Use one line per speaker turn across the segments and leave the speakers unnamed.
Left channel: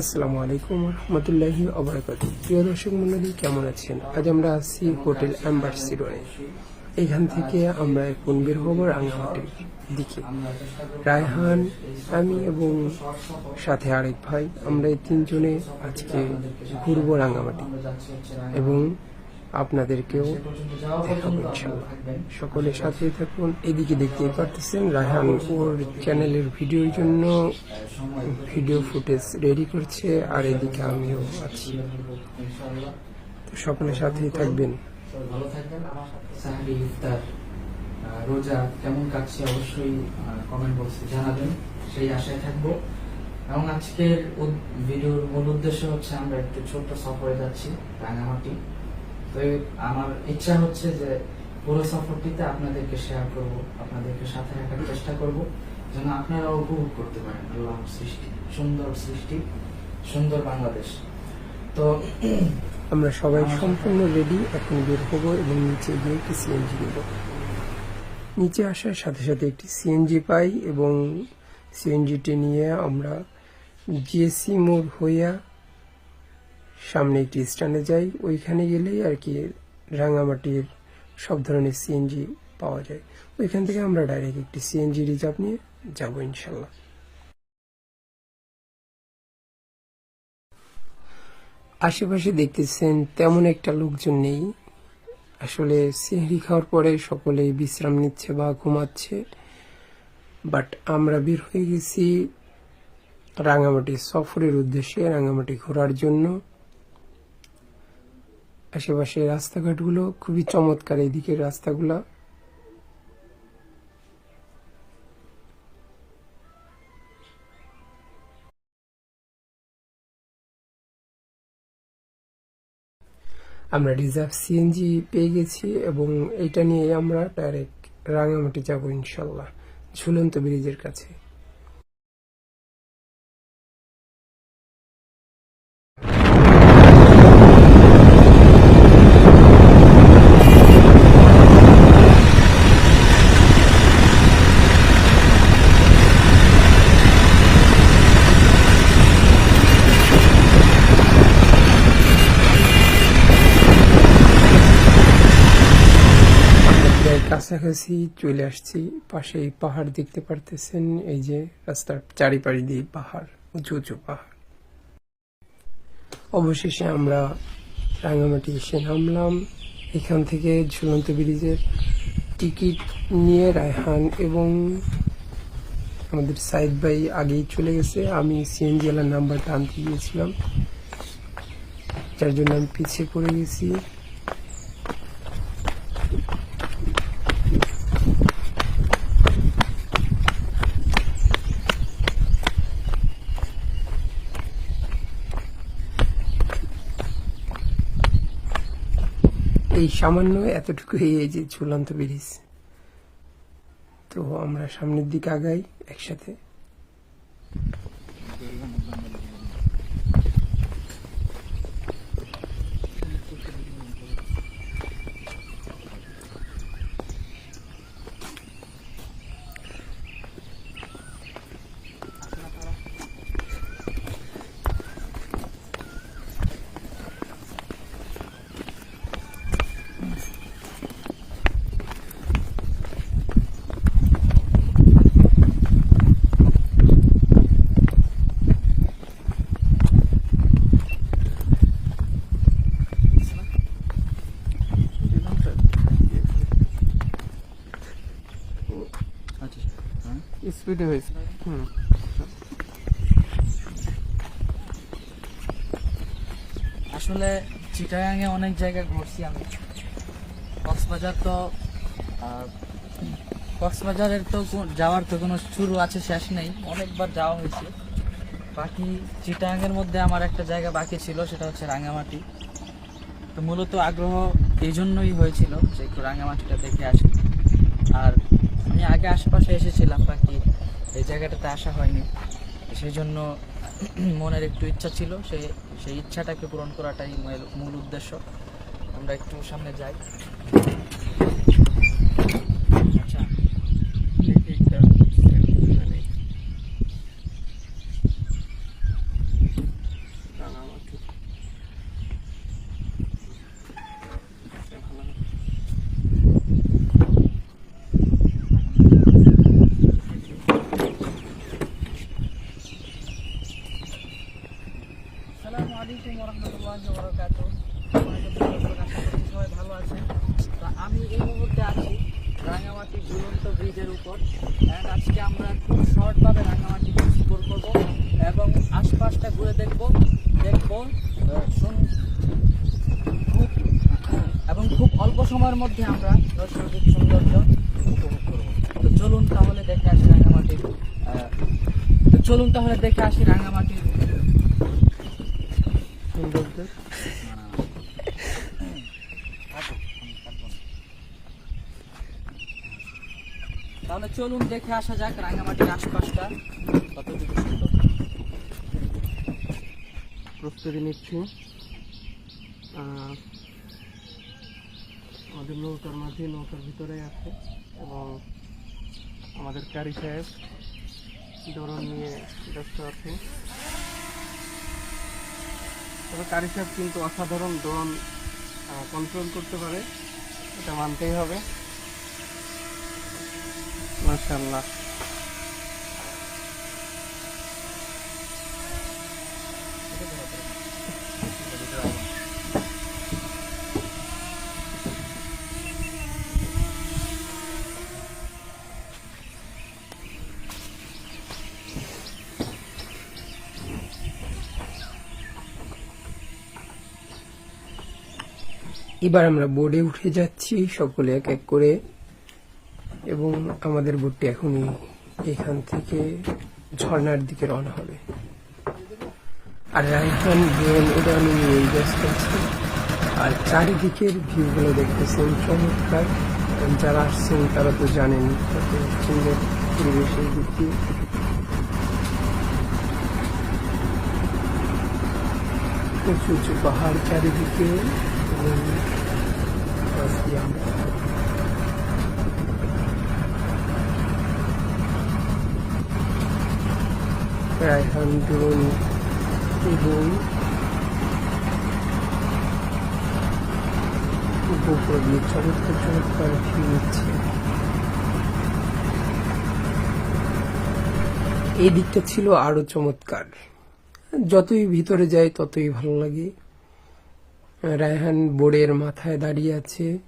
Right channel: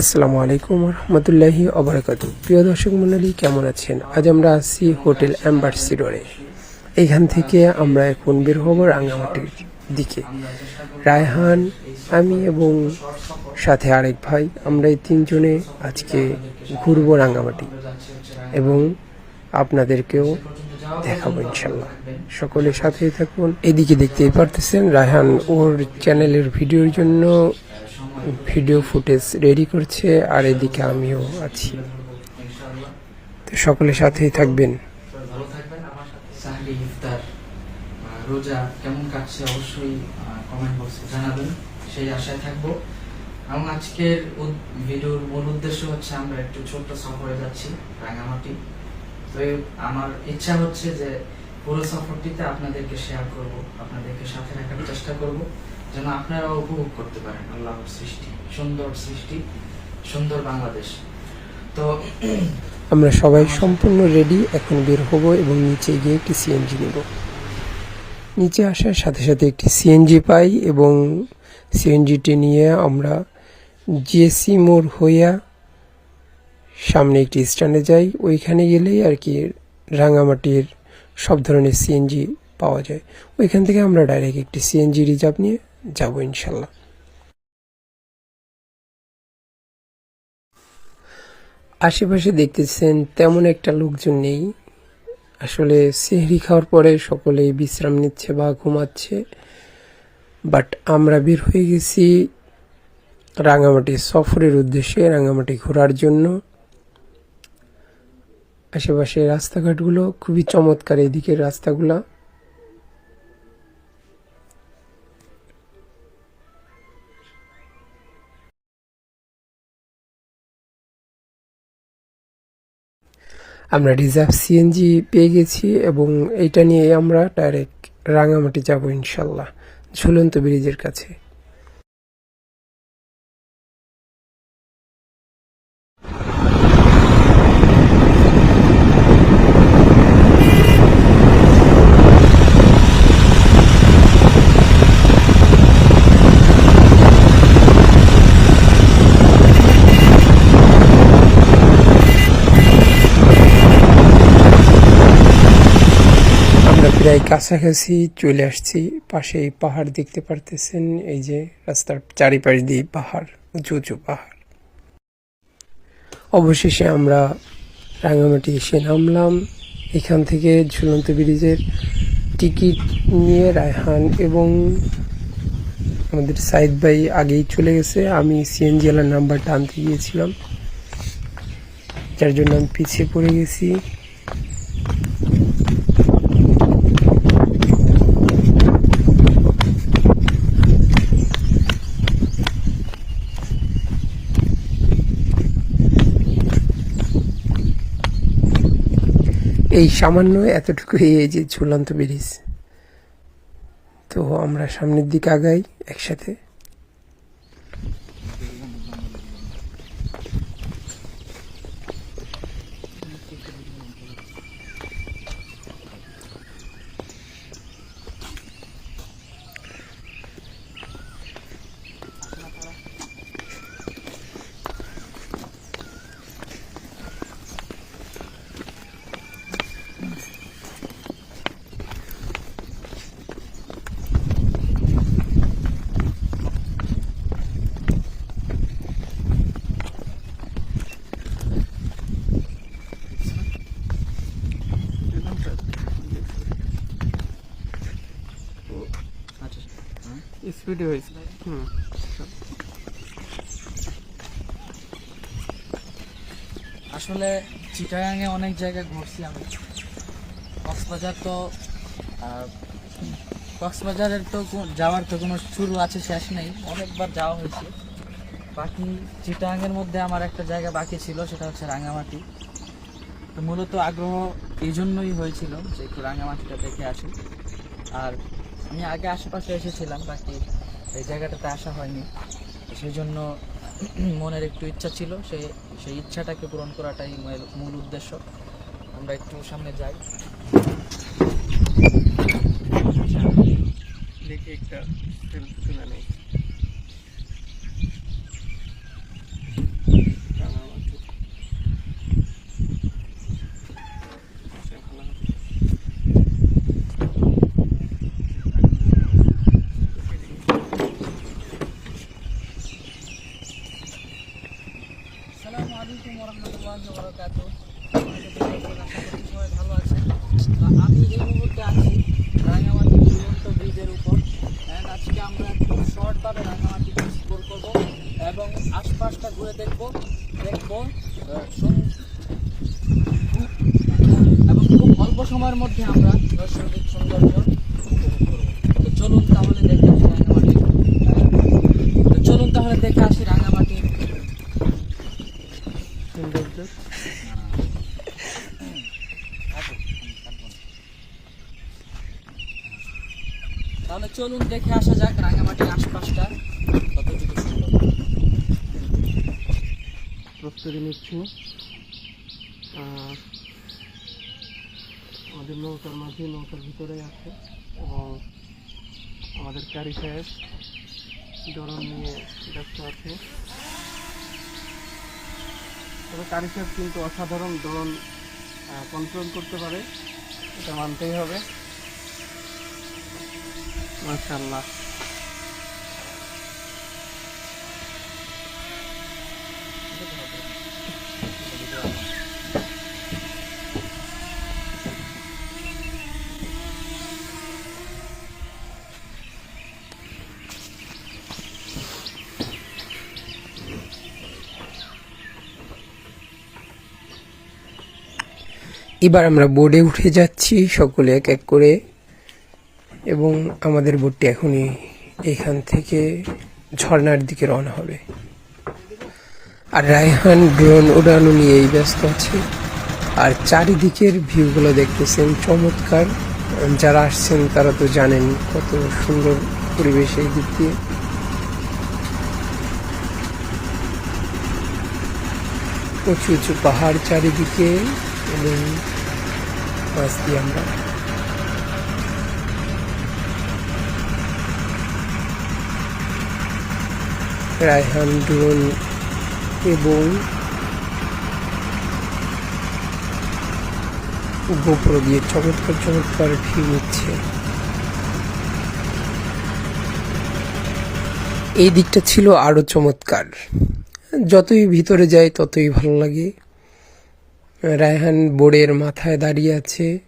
আসসালামু আলাইকুম রহমতুল্লাহি অবরাকাত। প্রিয় দর্শক মন্ডলী কেমন আছেন? আজ আমরা আছি হোটেল অ্যাম্বাসি রোডে। এইখান থেকে আমরা এখন বের হব রাঙামাটির দিকে। রায়হান, আমি এবং সাথে আরেক ভাই আমরা এই তিনজনে আজকে ঘুরবো রাঙামাটি এবং আপনাদেরকেও দেখাবো ইনশাল্লাহ সকলের সাথেই থাকুন। এদিকে দেখতেই পারতেছেন রায়হান ওর চ্যানেলের ভিডিওর জন্য ভিডিও ফুটেজ রেডি করছে আর এদিকে আমিও আছি। তো সকলের সাথেই থাকবেন।
ভালো থাকবেন। আমার সাথে ইফতার রোজা কেমন কাটছে অবশ্যই কমেন্ট বক্সে জানাবেন। সেই আশায় থাকব। এবং আজকের ভিডিওর মূল উদ্দেশ্য হচ্ছে আমরা একটু ছোট্ট সফরে যাচ্ছি রাঙামাটি। তো আমার ইচ্ছা হচ্ছে যে পুরো সফরটিতে আপনাদেরকে শেয়ার করব আপনাদেরকে সাথে রাখার চেষ্টা করব। যেন আপনারা উপভোগ করতে পারেন। আল্লাহর সৃষ্টি সুন্দর সৃষ্টি সুন্দর বাংলাদেশ। তো
আমরা সবাই সম্পূর্ণ রেডি এখন বের হব এবং নিচে গিয়ে একটি সিএনজি নেব। নিচে আসার সাথে সাথে একটি সিএনজি পাই এবং সিএনজিটি নিয়ে আমরা জিএসসি মোড় হইয়া সামনে একটি স্ট্যান্ডে যাই। ওইখানে গেলেই আর কি রাঙামাটির সব ধরনের সিএনজি পাওয়া যায়। ওইখান থেকে আমরা ডাইরেক্ট একটি সিএনজি রিজার্ভ নিয়ে যাব ইনশাল্লাহ। আশেপাশে দেখতেছেন তেমন একটা লোকজন নেই। আসলে সেহরি খাওয়ার পরে সকলেই বিশ্রাম নিচ্ছে বা ঘুমাচ্ছে। বাট আমরা বের হয়ে গেছি রাঙামাটি সফরের উদ্দেশ্যে, রাঙামাটি ঘোরার জন্য। আশেপাশে রাস্তাঘাটগুলো খুবই চমৎকার, এদিকের রাস্তাগুলো। আমরা রিজার্ভ সিএনজি পেয়ে গেছি এবং এটা নিয়ে আমরা ডাইরেক্ট রাঙামাটি যাব ইনশাল্লাহ, ঝুলন্ত ব্রিজের কাছে। প্রায় কাছাকাছি চলে আসছি, পাশে এই পাহাড় দেখতে পারতেছেন, এই যে রাস্তার চারিপাশ দিয়ে পাহাড়, উঁচু উঁচু পাহাড়। অবশেষে আমরা রাঙামাটি এসে নামলাম। এখান থেকে ঝুলন্ত ব্রিজের টিকিট নিয়ে রায়হান এবং আমাদের সাইদ ভাই আগেই চলে গেছে। আমি সিএনজি এলার নাম্বারটা আনতে গিয়েছিলাম, যার জন্য আমি পিছিয়ে পড়ে গেছি। এই সামান্য এতটুকু এই যে ঝুলন্ত ব্রিজ তো আমরা সামনের দিকে আগাই একসাথে। স্পিডে হয়েছে
আসলে চিটাগাঙে অনেক জায়গায় ঘুরছি আমি। কক্সবাজার তো কক্সবাজারের তো যাওয়ার তো কোনো শুরু আছে, শেষ নেই। অনেকবার যাওয়া হয়েছে। বাকি চিটাগাঙের মধ্যে আমার একটা জায়গা বাকি ছিল, সেটা হচ্ছে রাঙামাটি। তো মূলত আগ্রহ এই জন্যই হয়েছিল যে একটু রাঙামাটিটা দেখে আসি। আমি আগে আশেপাশে এসেছিলাম বাকি এই জায়গাটাতে আসা হয়নি। সেই জন্য মনের একটু ইচ্ছা ছিল, সে, সেই ইচ্ছাটাকে পূরণ করাটাই মূল- উদ্দেশ্য। আমরা একটু সামনে যাই
দেখি একটা selfie তুলে নেই।
রহমতুল্লাহি ওয়া বারাকাতুহু আশা করি সবাই ভালো আছেন তো আমি এই মুহূর্তে আছি রাঙামাটি ঝুলন্ত ব্রিজের উপর আজকে আমরা খুব শর্টভাবে রাঙামাটি এক্সপ্লোর করব এবং আশপাশটা ঘুরে দেখব দেখব খুব এবং খুব অল্প সময়ের মধ্যে আমরা নৈসর্গিক সৌন্দর্য উপভোগ করব তো চলুন তাহলে দেখে আসি রাঙামাটি। তো চলুন তাহলে দেখে আসি রাঙামাটি তাহলে চলুন দেখে আসা যাক, রাঙামাটির আশপাশটা কতটুকু সুন্দর।
প্রস্তুতি নিচ্ছি আমাদের নৌকার মাঝে, নৌকার ভিতরে আছে এবং আমাদের ক্যারি সাহেব ডরন নিয়ে ব্যস্ত আছে। তবে কারি সাহেব কিন্তু অসাধারণ দোলন কন্ট্রোল করতে পারে। এটা মানতেই হবে। মাশাল্লাহ এবার আমরা বোর্ডে উঠে যাচ্ছি, সকলে এক এক করে। এবং আমাদের বোটটি এখনই এখান থেকে ঝর্ণার দিকে রওনা হবে। আর রায়হান ড্রোন উড়ানো নিয়েই ব্যস্ত আছে। আর চারিদিকের ভিউগুলো দেখতেছেন চমৎকার। যারা আসছেন, তারা তো জানেন কত সুন্দর পরিবেশের দিক দিয়ে। উঁচু পাহাড় চারিদিকে এবং পাশ দিয়ে আমরা রায়হান ড্রোন এবং গোপ্রো দিয়ে চমৎকার চমৎকার ভিউ নিচ্ছে এই দিকটা ছিল আরও চমৎকার। যতই ভিতরে যাই, ততই ভালো লাগে। রায়হান বোর্ডের মাথায় দাঁড়িয়ে আছে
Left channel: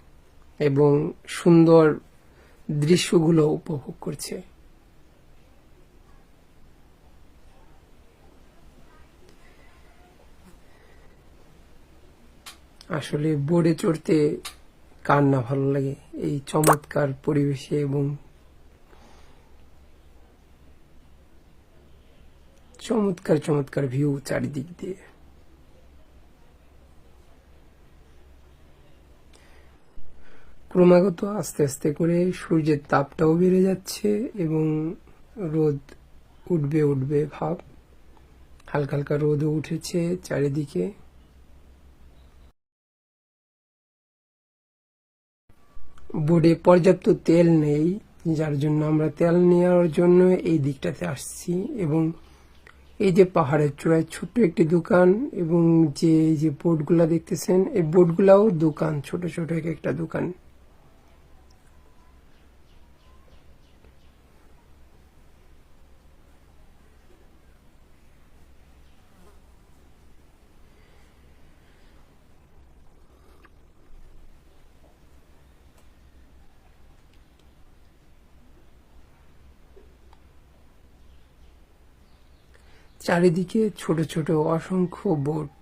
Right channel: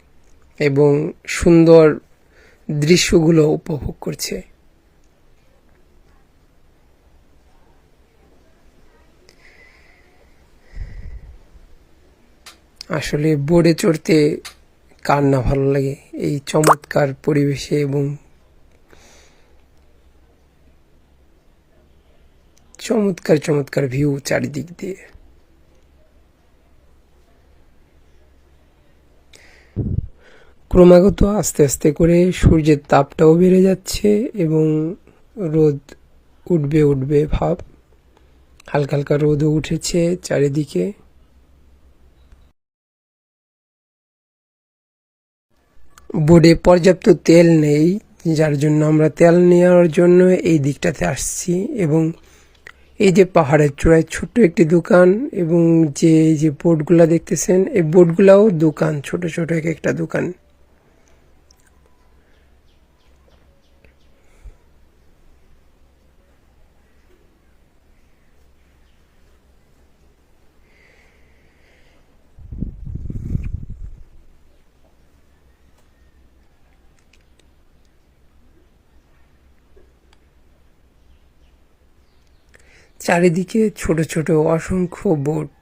এবং সুন্দর দৃশ্যগুলো উপভোগ করছে। আসলে বোর্ডে চড়তে কার না ভালো লাগে? এই চমৎকার পরিবেশে এবং চমৎকার চমৎকার ভিউ চারিদিক দিয়ে। ক্রমাগত আস্তে আস্তে করে সূর্যের তাপটাও বেড়ে যাচ্ছে এবং রোদ উঠবে উঠবে ভাব। হালকা হালকা রোদও উঠেছে চারিদিকে। বোর্ডে পর্যাপ্ত তেল নেই, যার জন্য আমরা তেল নেওয়ার জন্য এই দিকটাতে আসছি এবং এই যে পাহাড়ের চূড়ায় ছোট্ট একটি দোকান এবং যে যে বোর্ডগুলা দেখতেছেন, এই বোর্ডগুলাও দোকান, ছোট ছোট এক একটা দোকান। চারিদিকে ছোট ছোট অসংখ্য বোট।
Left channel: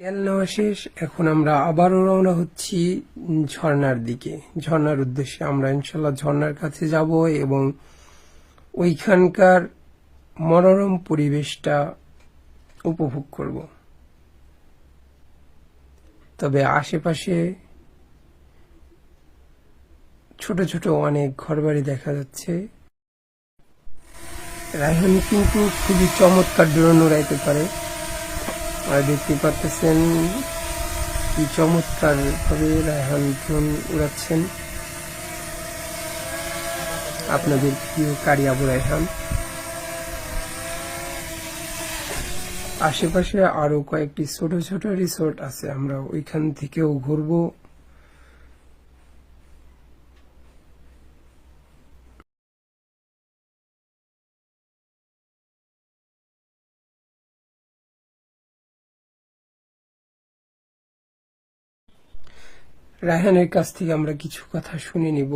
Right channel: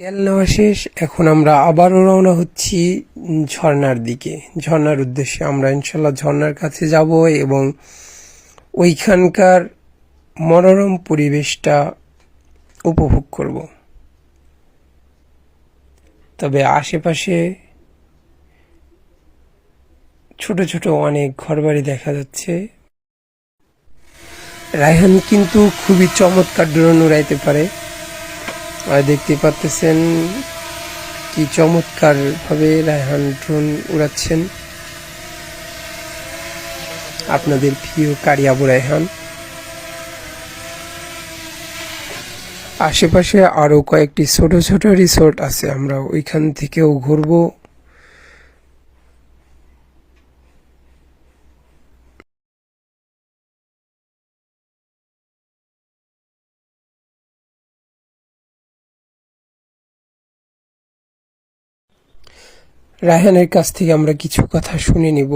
তেল নেওয়া শেষ এখন আমরা আবারও রওনা হচ্ছি উম, ঝর্ণার দিকে। ঝর্ণার উদ্দেশ্যে আমরা ইনশাল্লাহ ঝর্নার কাছে যাব এবং ওইখানকার মনোরম পরিবেশটা উপভোগ করব। তবে আশেপাশে ছোট ছোট অনেক ঘরবাড়ি দেখা যাচ্ছে। রায়হান কিন্তু খুবই চমৎকার ড্রোন উড়াইতে পারে। আর দেখতে পাচ্ছেন কি চমৎকার ভাবে রায়হান ড্রোন উড়াচ্ছেন। আপনাদের প্রিয় কারি আবু রায়হান। আশেপাশে আরও কয়েকটি ছোট ছোট রিসোর্ট আছে, আমরা ওইখান থেকেও ঘুরবো। রায়হানের কাছ থেকে আমরা কিছু কথা শুনে নিব।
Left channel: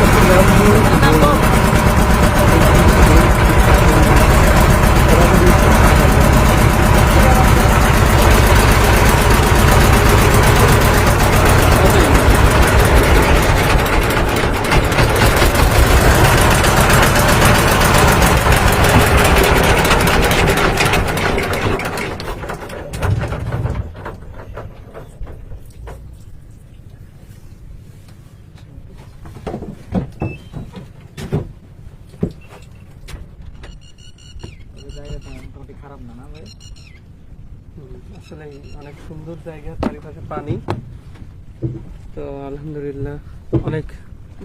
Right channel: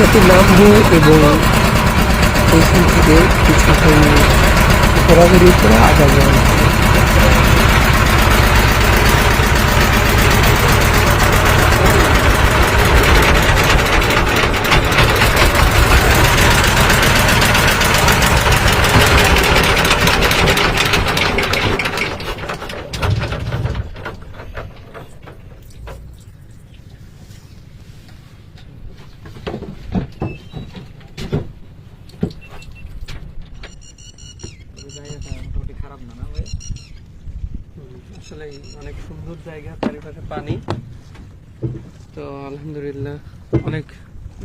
নামবো এবং এইখান থেকে কিছুক্ষণ ঘোরাঘুরি করে আগাবো
এই জায়গাটা মোটামুটি খারাপ না না ভাই?
আসলে অনেক সুন্দর জায়গা, চারিপাশে পানি তো আলহামদুলিল্লাহ, অনেক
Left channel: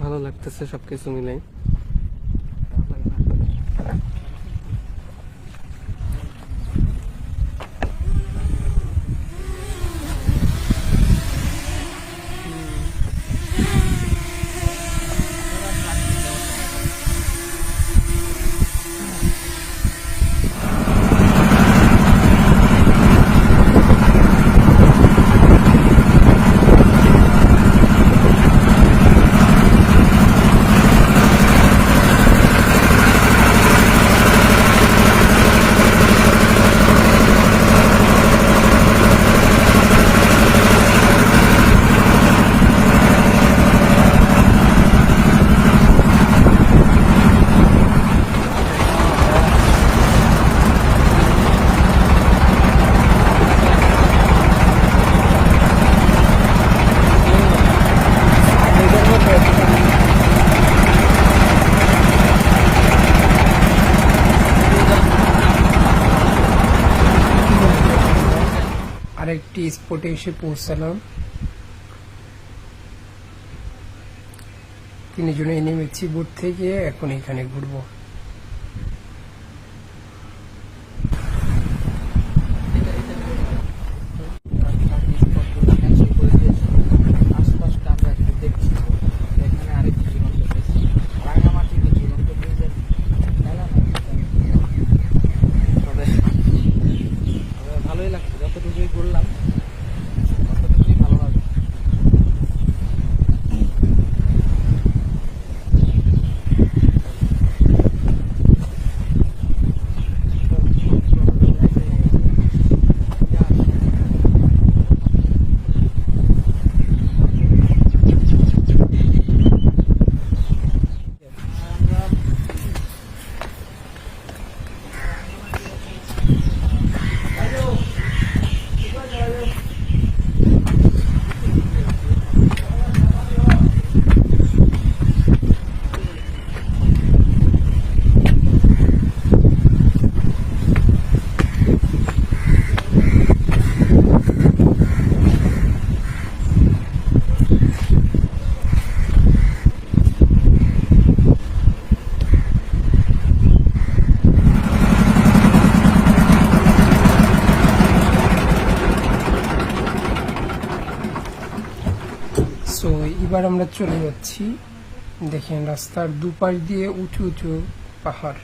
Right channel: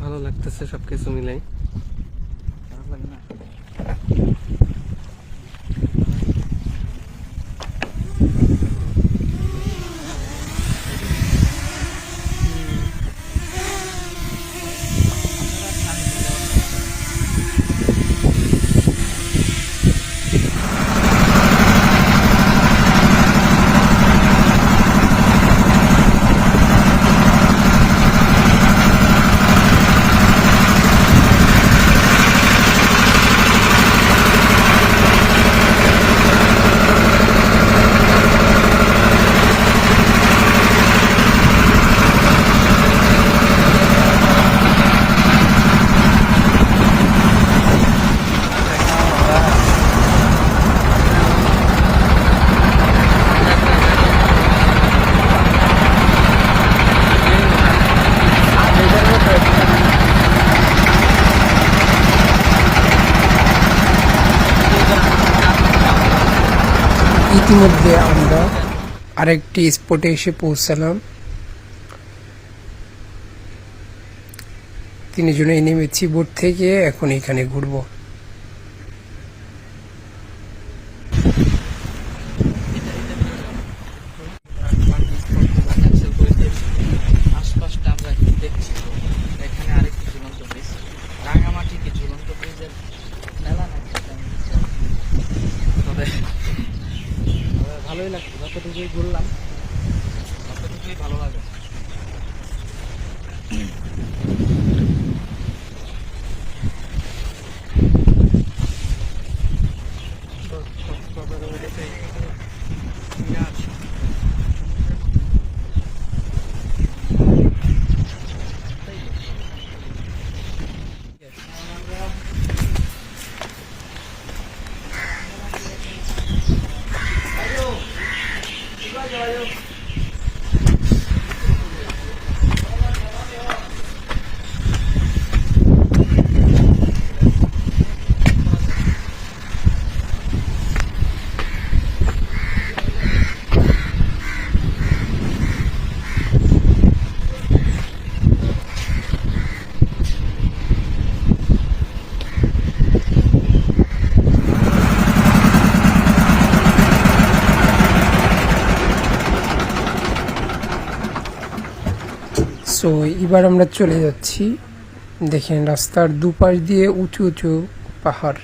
ভালো লাগতেছে সবকিছু মিলাই
খারাপ লাগে না?
ইতিমধ্যে আমরা আরেকটি স্পটে এসে পৌঁছালাম। তিনজনে নেমেছি বোট থেকে এখন এখানে ঘুরবো
বাকি স্পটগুলো ক্যান্সেল করে দিয়েছি আশপাশটা আমরা একটু দেখছি এখানে আরেকটি ঝুলন্ত ব্রিজ রাঙামাটি কি ঝুলন্ত ব্রিজের মেলা নাকি তবে তবে ভালোই লাগছে যতটুকুই ঘুরলাম ততটুকুই ভালো লাগে
সো এবার আমরা চলে যাচ্ছি দেখেন রাস্তার দুপাশ দিয়ে উঁচু উঁচু পাহাড়।